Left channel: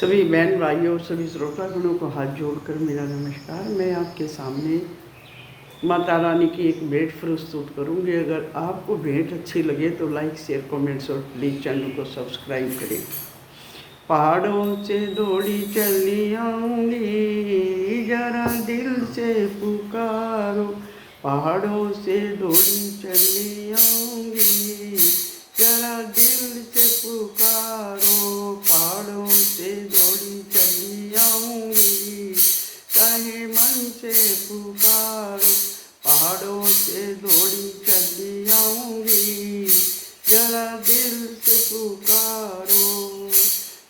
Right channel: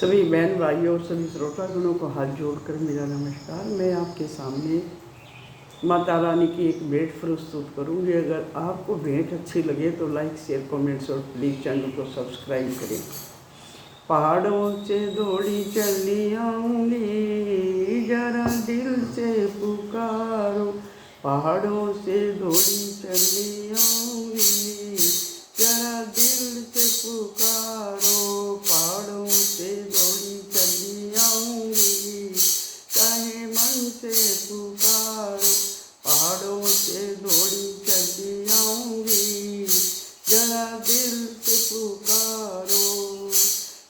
सभी बहन भाइयों और सभी श्रोतागणों को हाथ जोड़कर मेरा नमस्कार। मैं आपके सामने माता रानी की एक भेंट प्रस्तुत करूंगी। अगर आपको भेंट अच्छी लगे तो लाइक शेयर कमेंट्स और प्लीज़ चैनल को सब्सक्राइब करें। पहाड़ों से दौड़ी चली आऊंगी, जरा दिल से पुकारो। पहाड़ों से दौड़ी चली आऊंगी, जरा दिल से पुकारो। पहाड़ों से दौड़ी चली आऊंगी, चाहे मन से पुकारो। पहाड़ों से दौड़ी चली आऊंगी, जरा दिल से पुकारो।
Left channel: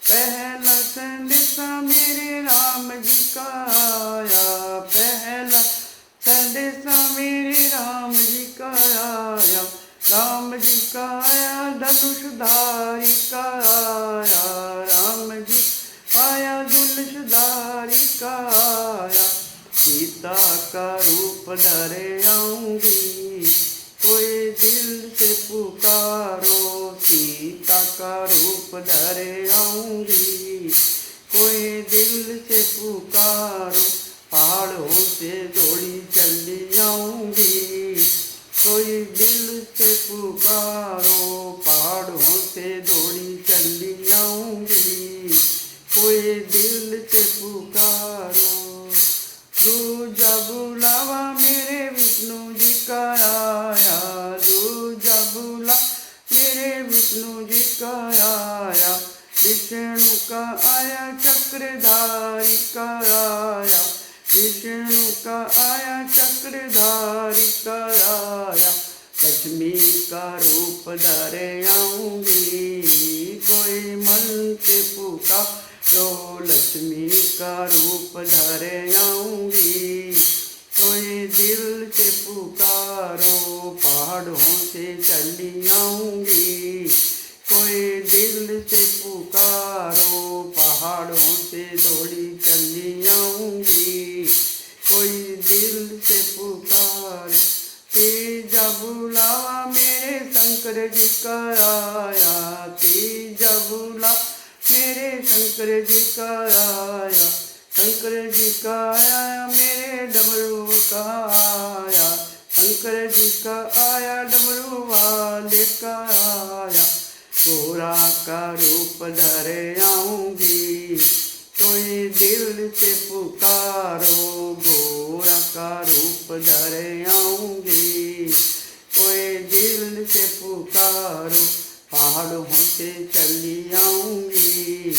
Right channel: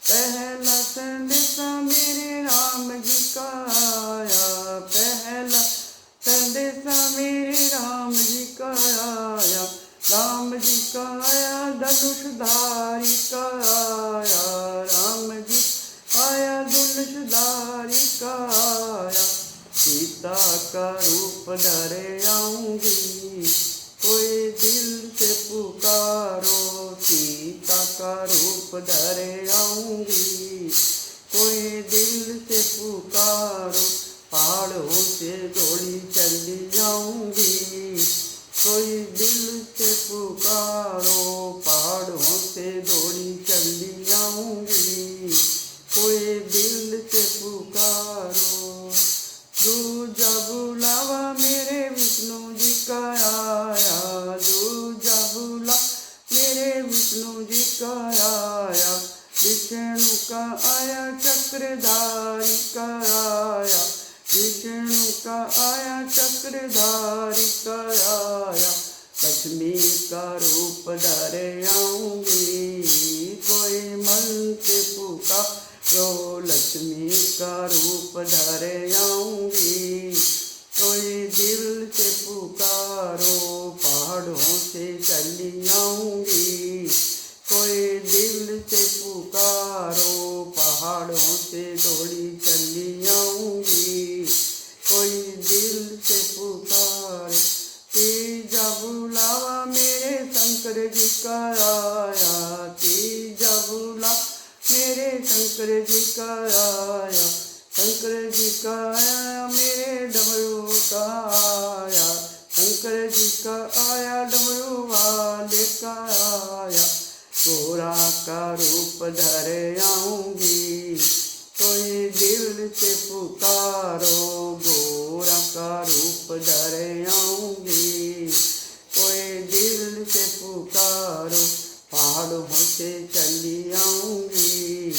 पहला संदेशा मेरे राम जी का आया, पहला संदेशा मेरे राम जी का आया। राम जी का आया धनुषधारी का आया, राम जी आया धनुषधारी का आया। सीता का रूप धरे आऊंगी, कोई दिल से पुकारो। सीता का रूप धरे आऊंगी, कोई दिल से पुकारो। पहाड़ों से दौड़ी चली आऊंगी, कोई दिल से पुकारो। पहाड़ों से दौड़ी चली आऊंगी, कोई दिल से पुकारो। दूजा बुलावा मेरे विष्णु जी का आया, दूजा बुला मेरे विष्णु जी का आया। विष्णु का आया चक्रधारी का आया, विष्णु का आया चक्रधारी का आया। लक्ष्मी का रूप धरे आऊंगी, कोई मन से पुकारो। लक्ष्मी का रूप धरे आऊंगी, कोई दिल से पुकारो। पहाड़ों से चली आऊंगी, कोई दिल से पुकारो। पहाड़ों से दौड़ी चली आऊंगी, कोई दिल से पुकारो। तीजा बुलावा मेरे शंकर जी का आया, तीजा बुला मेरे शंकर जी का आया। शंकर जी का आया मेरे डमरू का आया, शंकर जी का आया डमरू वाले का आया। गोरा का रूप धरे आऊंगी, कोई दिल से पुकारो। गोरा का रूप धरे आऊंगी, कोई दिल से पुकारो। पहाड़ों से चली आऊंगी,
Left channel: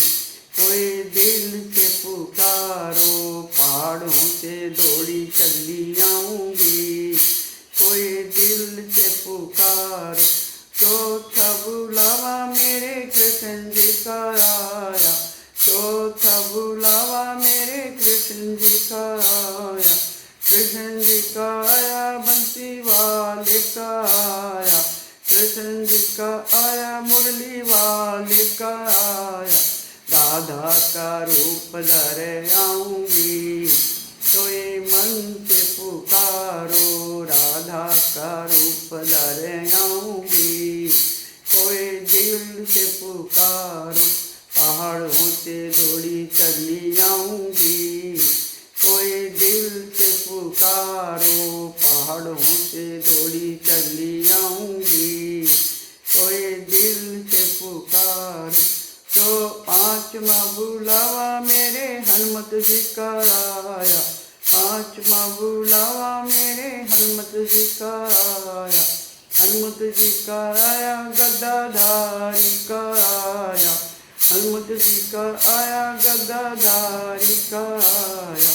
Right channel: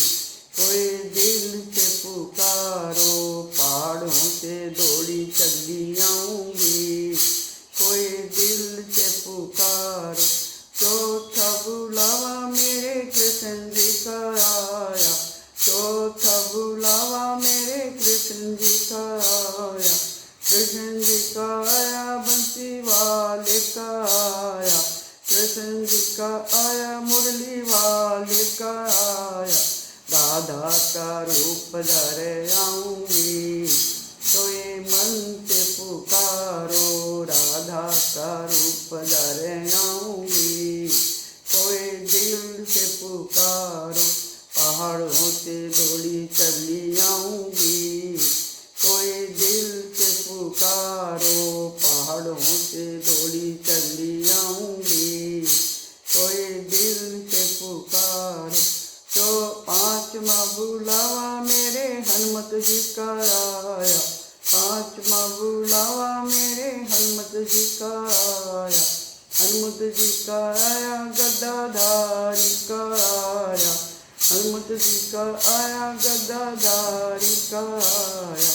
कोई दिल से पुकारो। पहाड़ों से दौड़ी चली आऊंगी, कोई दिल से पुकारो। चौथा बुलावा मेरे कृष्ण जी का आया, चौथा बुलावा मेरे कृष्ण जी का आया। कृष्ण जी का आया बंसी वाले का आया, कृष्ण जी का आया मुरली वाले का आया। राधा का रूप धरे आऊंगी, कोई मन से पुकारो। राधा का रूप धरे आऊंगी, कोई दिल से पुकारो। पहाड़ों से दौड़ी चली आऊंगी, कोई दिल से पुकारो। पहाड़ों से दौड़ी चली आऊंगी, कोई दिल से पुकारो। तो पांचवा बुलावा मेरे हनुमत जी का आया, पांचवा बुलावा मेरे हनुमत जी का आया। हनुमत जी का आया गदाधारी का आया, हनुमत जी का आया गदाधारी का आया।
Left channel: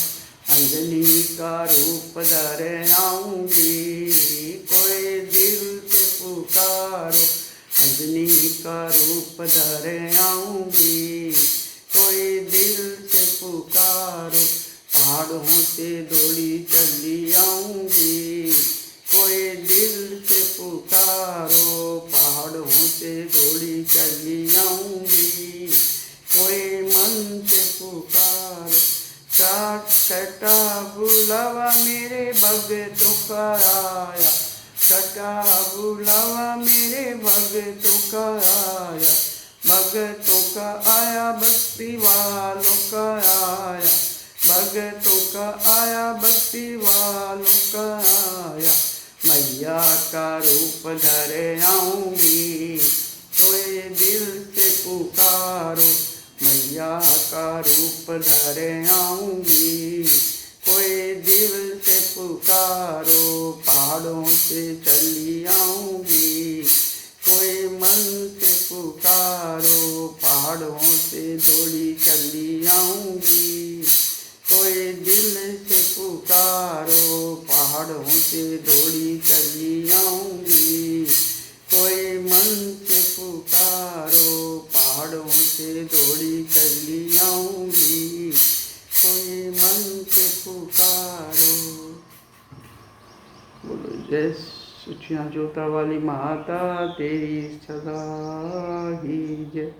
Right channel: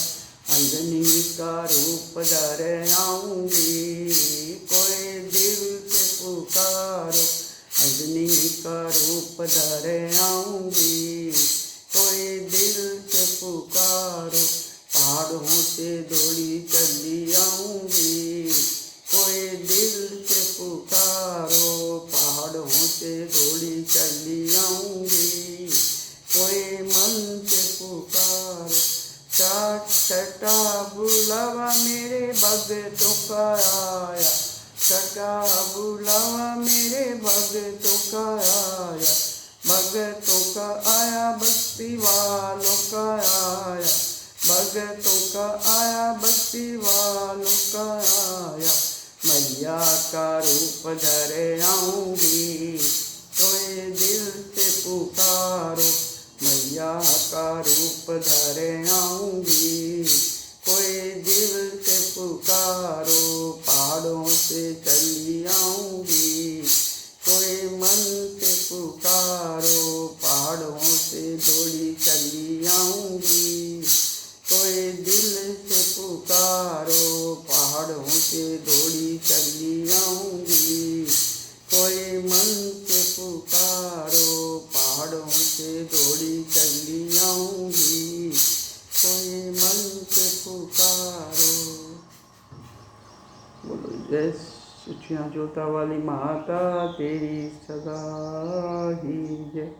अंजनी का रूप धरे आऊंगी, कोई दिल से पुकारो। अंजनी का रूप धरे आऊंगी, कोई दिल से पुकारो। पहाड़ों से दौड़ी चली आऊंगी, कोई दिल से पुकारो। पहाड़ों से दौड़ी चली आऊंगी, कोई मन से पुकारो। छठा बुलावा मेरे भगतों का आया, छठा बुलावा मेरे भगतों का आया। भगतों का आया भक्ति वालों का आया, भगतों का आया, भक्ति वालों का आया। मैया का रूप धरे आऊंगी, कोई दिल से पुकारो। मैया का रूप धरे आऊंगी, कोई दिल से पुकारो। पहाड़ों से चली आऊंगी, कोई मन से पुकारो। पहाड़ों से दौड़ी चली आऊंगी, कोई दिल से पुकारो। पहाड़ों से दौड़ी चली आऊंगी, कोई मन से पुकारो। पहाड़ों से दौड़ी चली आऊंगी, कोई मन से पुकारो। बोलो जय सुचिया जोता वाली माता तेरी सदा ही जय।